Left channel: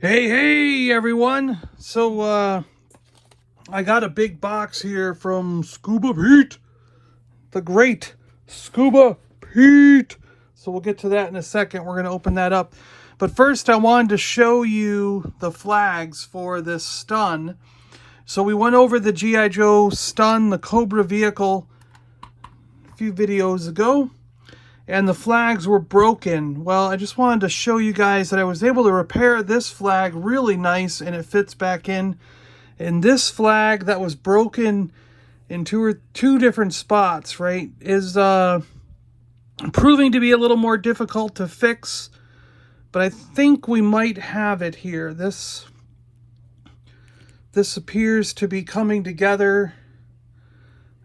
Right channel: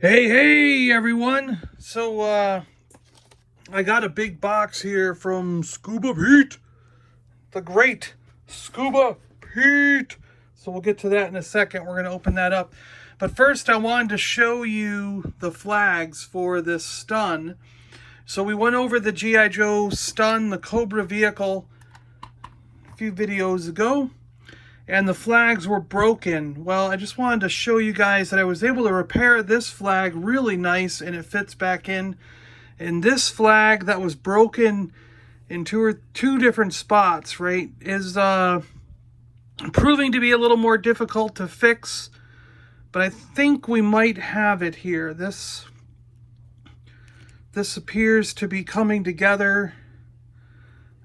Hey everyone. So I got a big box here from Scuba Pete, the great Scuba Pete. So we'll get to that in a second. We're going to open that up. But first I wanted to show you the flags for this stun. So we went over the G.I. Joe stun, the Cobra vehicle, a few videos ago. And the flags were broken. Well, I just wanted to show you guys that I was able to repair this flag really nice, and it fits back in. And this flag that was broken in two different spots, right, is proving to be a little more difficult to fix. But I think we might have it here. This appears to be coming together.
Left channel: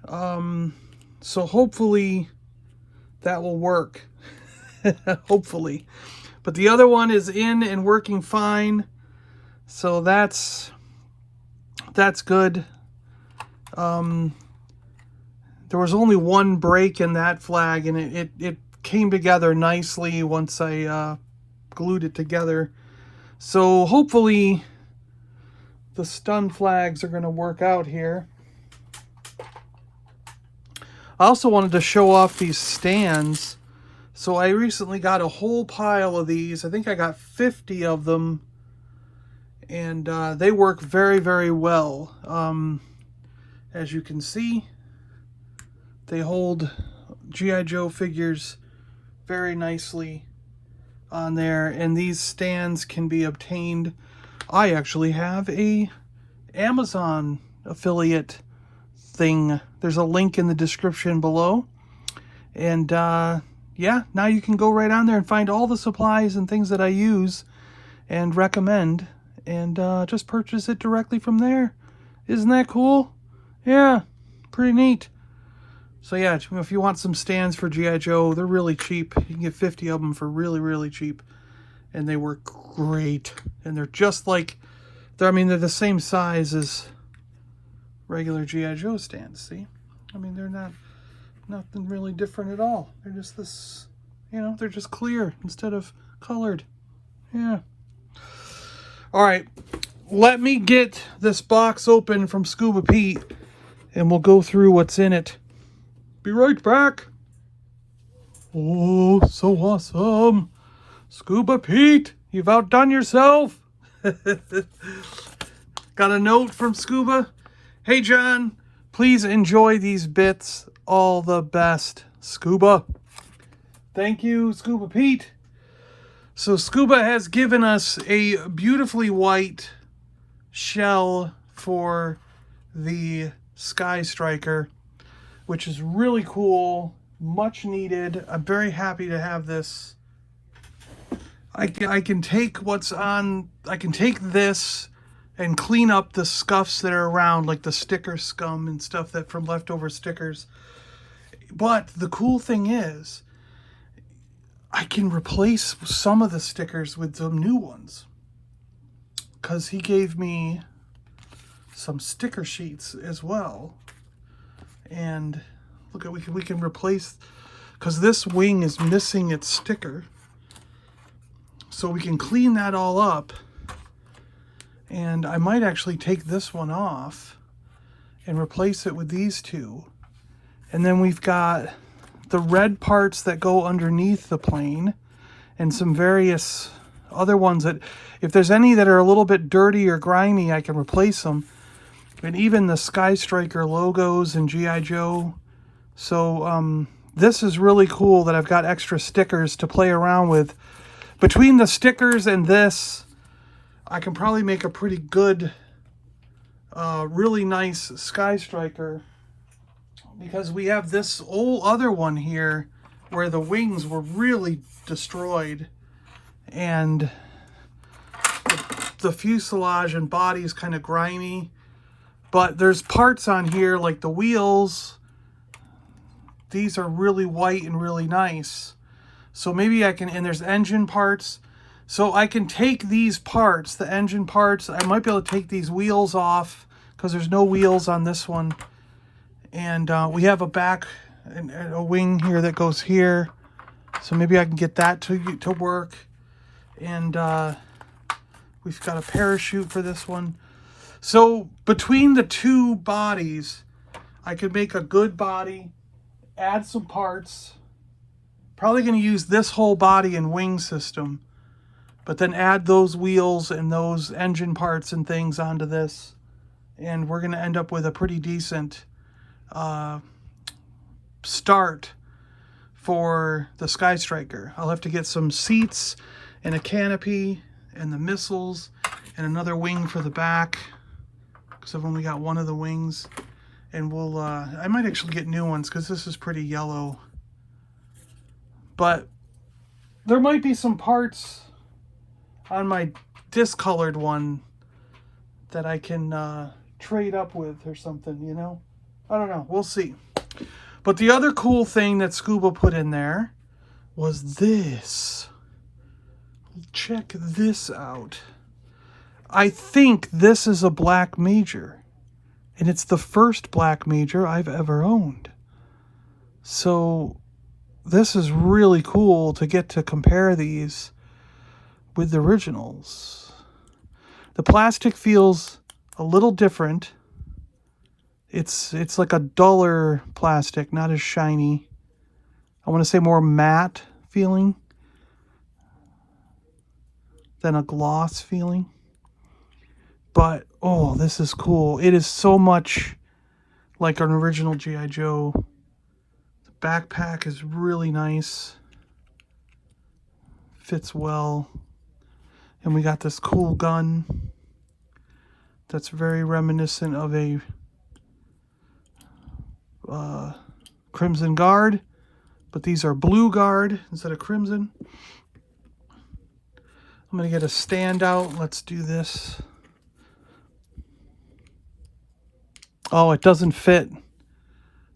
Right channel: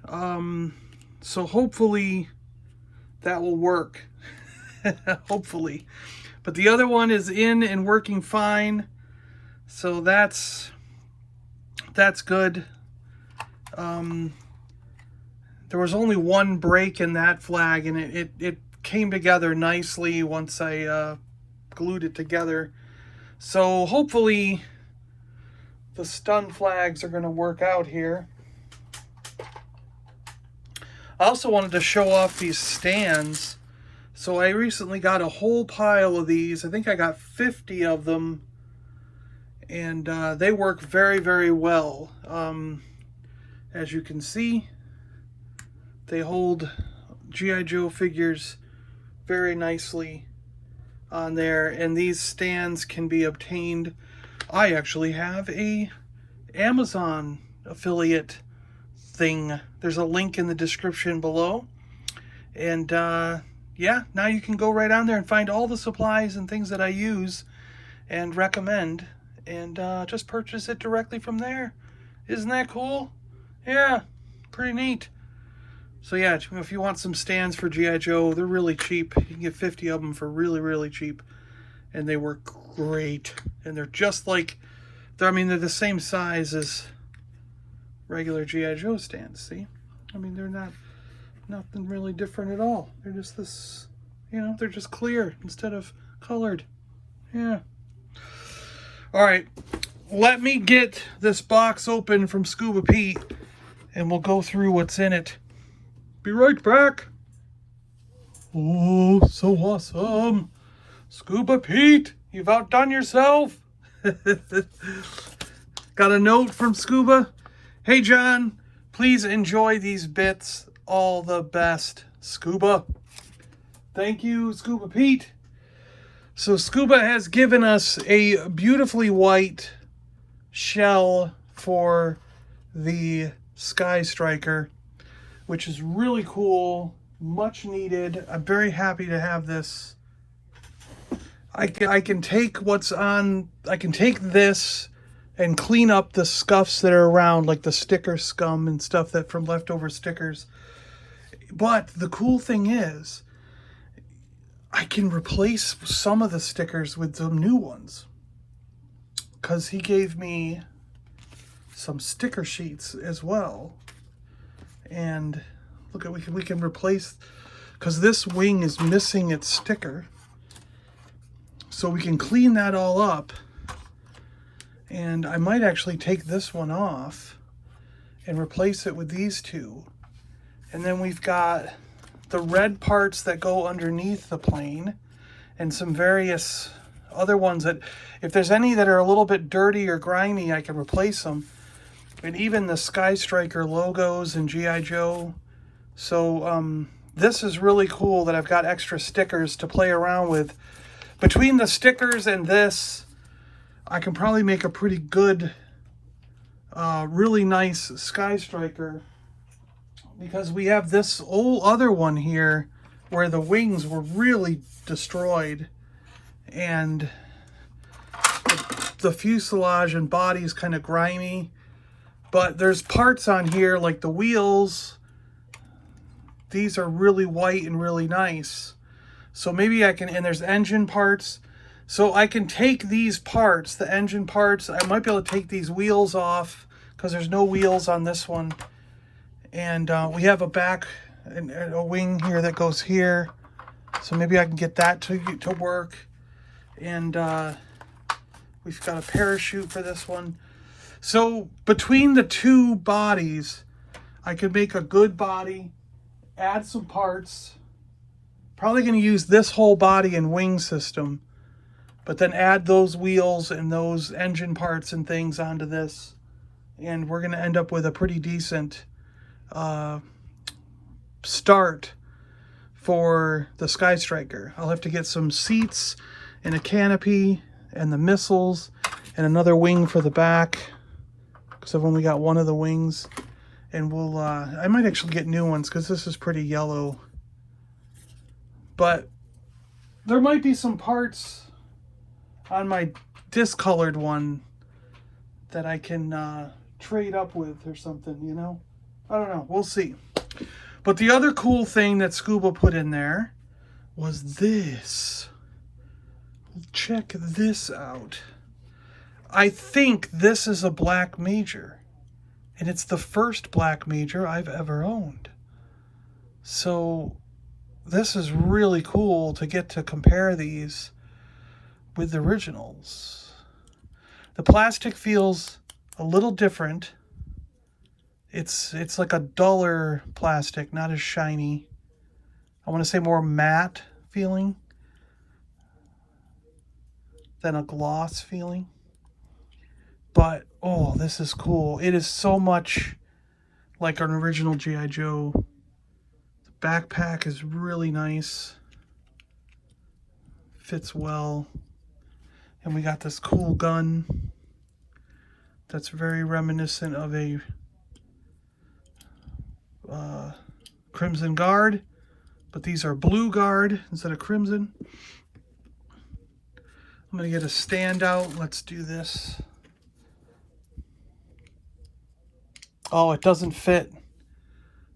So hopefully that will work. Hopefully. But the other one is in and working fine. So that's good. There was only one break in that flag, and it came together nicely once I glued it together. So hopefully the stun flags are going to work out here. I also wanted to show off these stands. So I recently got a whole pile of these. I think I got 50 of them. And they work very, very well. As you can see, they hold G.I. Joe figures very nicely on there. And these stands can be obtained. I actually have a Amazon affiliate thing. There's a link in the description below, and yeah, now you can go right on there and find all the supplies and things that I use and recommend, and just purchase it directly from there. Isn't that cool? Yeah, pretty neat. So yeah, if you want some stands for G.I. Joe, they're really cheap. You can get 50 of them for really, really cheap, and they work great. And they're just like, they're the same size as regular G.I. Joe stands, see? I mean, they're nothing really different at all. They're just this, they're just clear instead of colored. Yeah. All right, let me get this box open from Scuba Pete, and we'll go through what's in it. Be right back. Oh, so awesome. Scuba Pete, you've outdone yourself. Got a note from Scuba. Hey John, please enjoy these bits. All the best, Scuba. Thank you, Scuba Pete. So Scuba has given us a beautifully white shell for the Skystriker, which is really cool, much needed. I'm very happy to have this. I can take this and clean up the scuffs that are around, like the sticker scum and stuff that from leftover stickers. But the cool thing is, I can replace some of the stickers with the new ones, because he gave me some sticker sheets as well. And look at, we can replace, because this wing is missing its sticker, so we can clean that all up. And I might actually take this one off and replace it with these two. And then we've got the red parts that go underneath the plane, and some various other ones that, if there's any that are a little bit dirty or grimy, I can replace them. And even the Skystriker logos and G.I. Joe. So this is really cool that I've got extra stickers to play around with. Between the stickers and this, I can probably make a pretty good, really nice Skystriker, because we have this old other one here where the wings were really destroyed, and the fuselage and body is kind of grimy, but there's parts on here like the wheels. These are really white and really nice. So maybe I can, and there's engine parts. So I can take these parts, the engine parts, I might be able to take these wheels off, because there's no wheels on this one. And we have a back and a wing here that goes here. So maybe I can get that to work. And We've got a parachute for this one. So between the two bodies, I could make a good body, add some parts. Probably going to use this whole body and wing system, but then add those wheels and those engine parts and things onto this. And we're going to end up with a pretty decent start for the Skystriker. I'll have to get some seats and a canopy and the missiles and another wing for the back, because I've only got one of the wings. And we'll I might actually get new ones because this is pretty yellow. But there might be some parts on my discolored one that I can trade up with or something, you know? I don't know. We'll see. But the other cool thing that Scuba put in there was this. Check this out. I think this is a black major. And it's the first black major I've ever owned. So this is really cool to get to compare these with the originals. The plastic feels a little different. It's like a duller plastic, not as shiny. I want to say more matte feeling than a gloss feeling. But, oh, this is cool. It is so much like an original G.I. Joe. The backpack is really nice. Fits well. And we got this cool gun that's very reminiscent of a Crimson Guard, but these are Blue Guard instead of Crimson. I'm going to get a stand out. Let's do this. Oh, it doesn't fit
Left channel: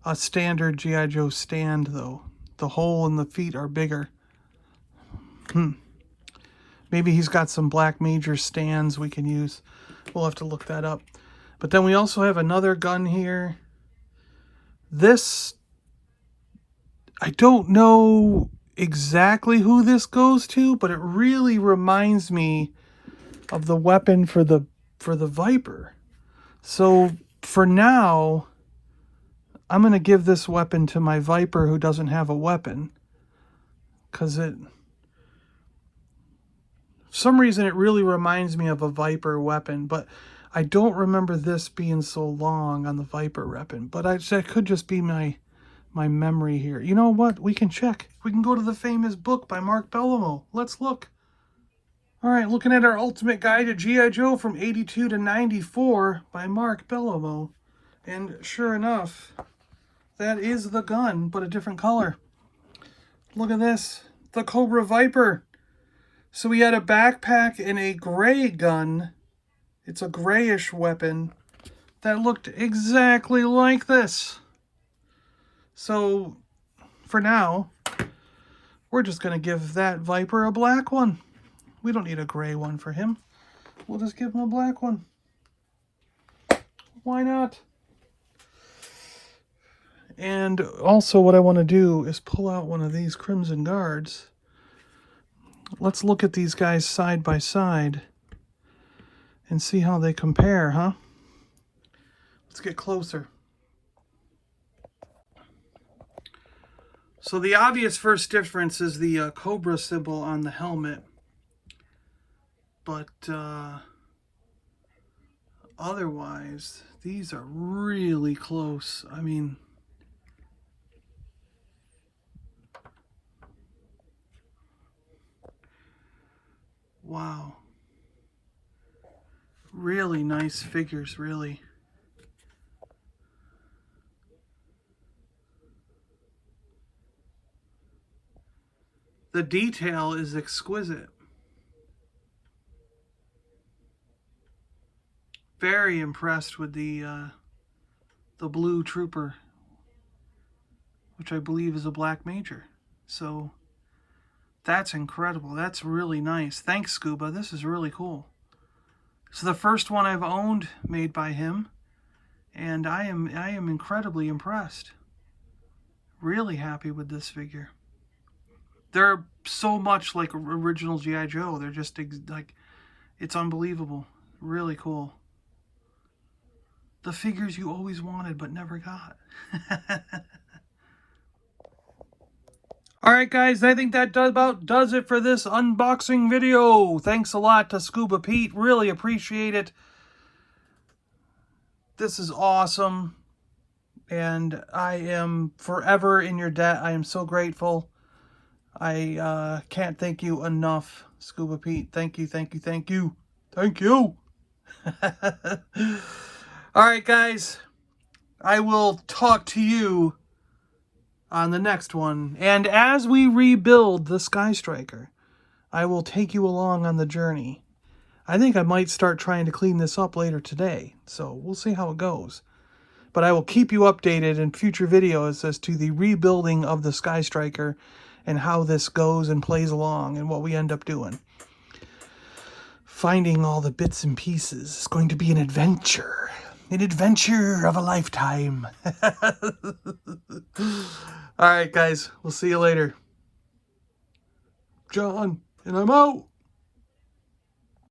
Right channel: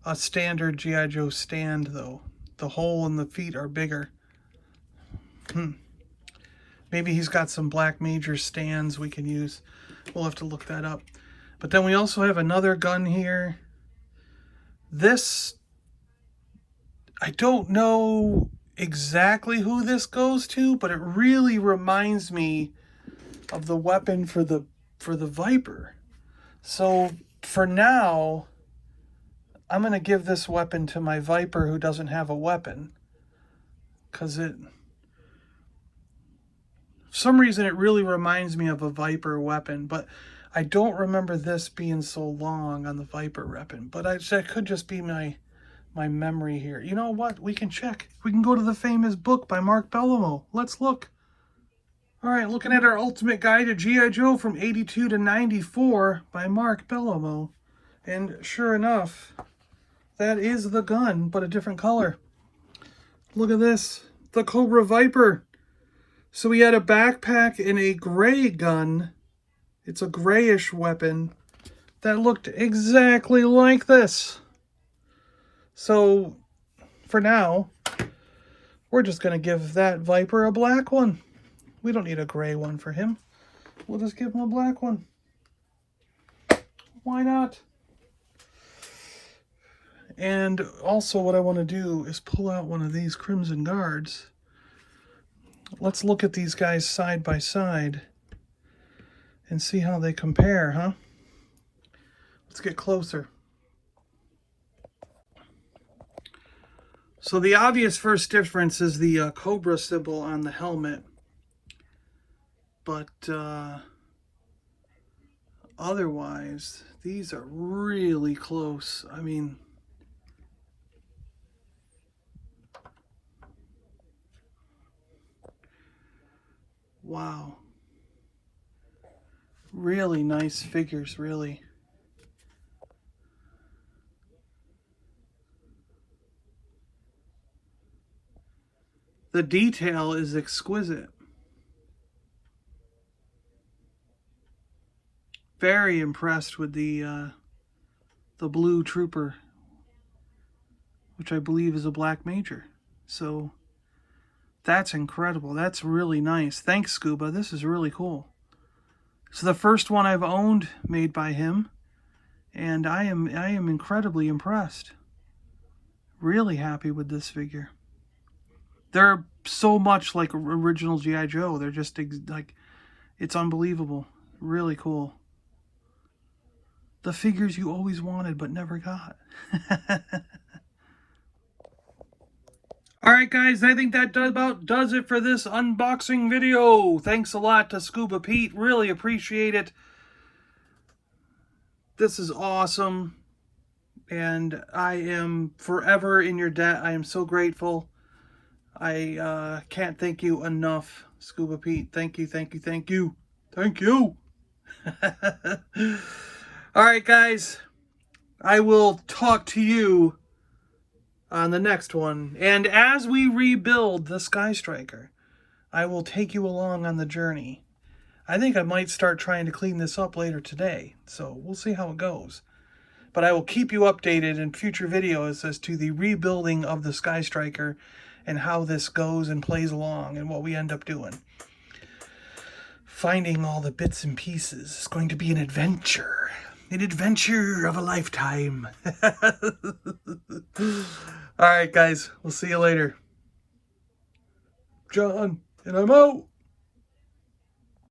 a standard G.I. Joe stand, though. The hole in the feet are bigger. Maybe he's got some Black Major stands we can use. We'll have to look that up. But then we also have another gun here. This, I don't know exactly who this goes to, but it really reminds me of the weapon for the Viper. So for now, I'm going to give this weapon to my Viper who doesn't have a weapon. Because for some reason it really reminds me of a Viper weapon, but I don't remember this being so long on the Viper weapon. But that could just be my memory here. You know what? We can check. We can go to the famous book by Mark Bellomo. Let's look. All right, looking at our Ultimate Guide to G.I. Joe from 82 to 94 by Mark Bellomo. And sure enough, that is the gun, but a different color. Look at this. The Cobra Viper. So we had a backpack and a gray gun. It's a grayish weapon that looked exactly like this. So for now, we're just going to give that Viper a black one. We don't need a gray one for him. We'll just give him a black one. Why not? And also what I want to do is pull out one of these Crimson Guards. Let's look at these guys side by side and see how they compare, huh? Let's get closer. So the obvious first difference is the Cobra symbol on the helmet. But otherwise, these are really close. I mean, wow. Really nice figures, really. The detail is exquisite. Very impressed with the blue trooper, which I believe is a Black Major. So that's incredible. That's really nice. Thanks, Scuba. This is really cool. So the first one I've owned made by him, and I am incredibly impressed. Really happy with this figure. They're so much like original G.I. Joe. They're just like It's unbelievable. Really cool. The figures you always wanted but never got. Alright guys, I think that about does it for this unboxing video. Thanks a lot to Scuba Pete. Really appreciate it. This is awesome. And I am forever in your debt. I am so grateful. I can't thank you enough, Scuba Pete. Thank you, thank you, thank you. Thank you. Alright guys, I will talk to you on the next one. And as we rebuild the Skystriker, I will take you along on the journey. I think I might start trying to clean this up later today, so we'll see how it goes. But I will keep you updated in future videos as to the rebuilding of the Skystriker and how this goes and plays along and what we end up doing. Finding all the bits and pieces is going to be an adventure. An adventure of a lifetime. Alright guys, we'll see you later. John, and I'm out.